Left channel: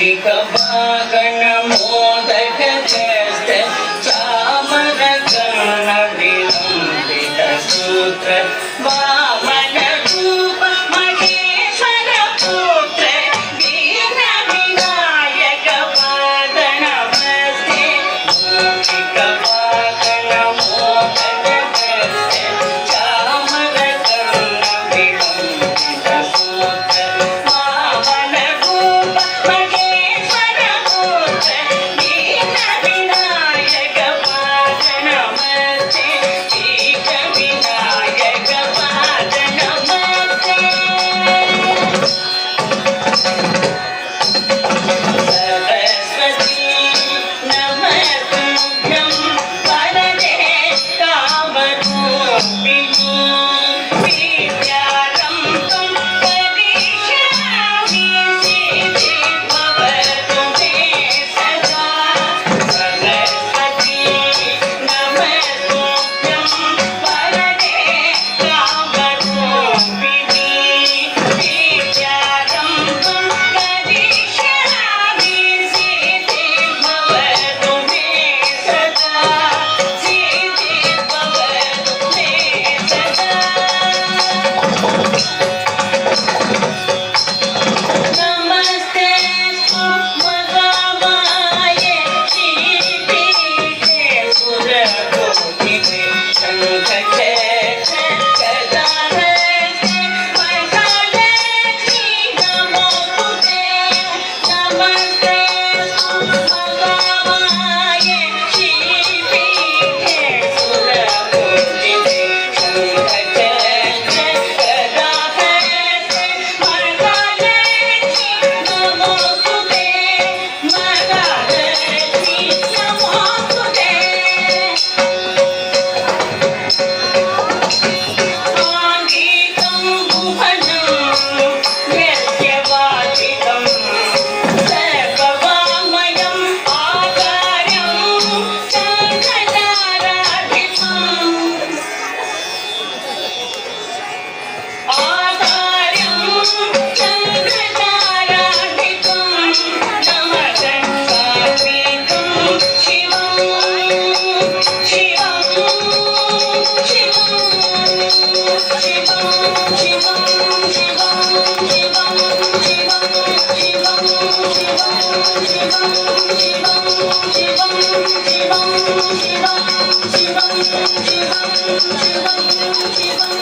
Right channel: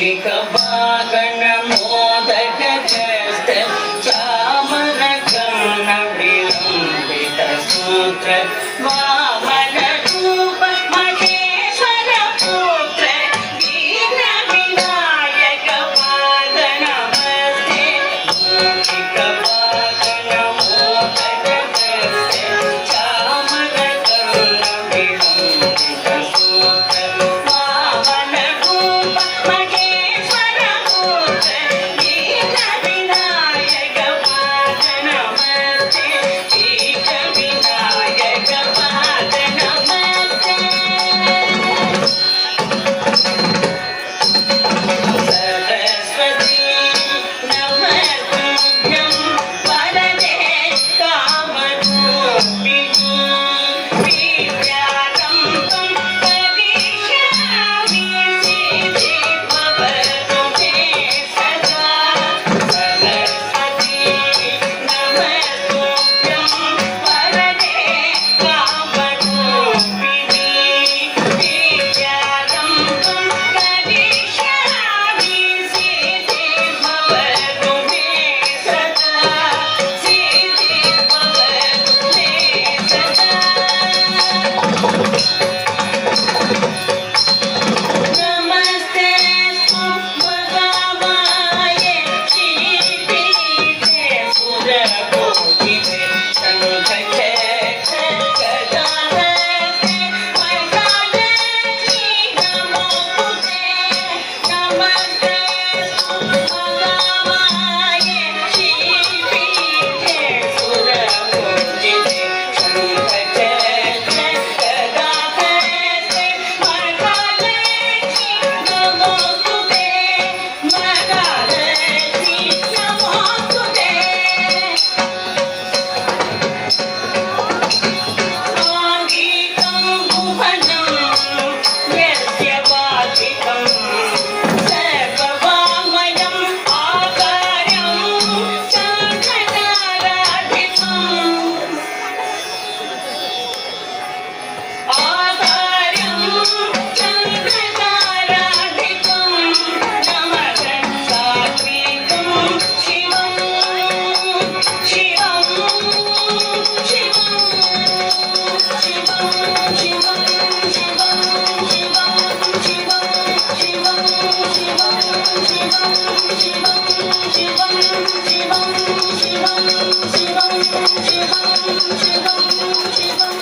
शिखभागन मोदक जस्त चामर कर्ण विलंबित सूत्र वामन रूप महेश्वर पुत्र दीन विनायक पाद नमस्ते शिखभागन मोदक जस्त चामर कर्ण विलंबित सूत्र वामन रूप महेश्वर पुत्र दीन विनायक पाद नमस्ते दीन विनायक पाद नमस्ते सरस्वती नमस्तुभ्यं वरदे कामरूपिणी विद्यारम्भं करिष्यामि सिद्धिर्भवतु मे सदा सरस्वती नमस्तुभ्यं वरदे कामरूपिणी विद्यारम्भं करिष्यामि सिद्धिर्भवतु मे सदा सिद्धिर्भवतु मे सदा नमस्ते महामाये श्रीपीठे सुरकोटिते शङ्खचक्र गदाहस्ते वरदालक्ष्मी नमोस्तुते नमस्ते महामाये श्रीपीठे सुरकोटिते शङ्खचक्र गदाहस्ते वरदालक्ष्मी नमोस्तुते महालक्ष्मी नमोस्तुते आङ्गिकं भुवनं यस्य वाचिकं सर्ववाङ्मयम् आचार्यं शङ्खचाराधिपम् आचार्यं शङ्खचाराधिपं नमः सात्विकं शिवं शिवं शिवं शिवं शिवं शिवं शिवं शिवं शिवं शिवं शिवं शिवं शिवं शिवं शिवं शिवं शिवं शिवं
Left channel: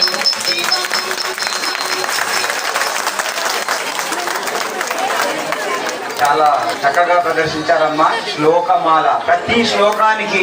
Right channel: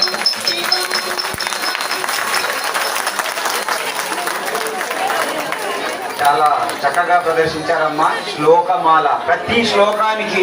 చాలా చక్కగా ప్రదర్శించారమ్మా శ్లోకమాల ప్రతి శ్లోకానికి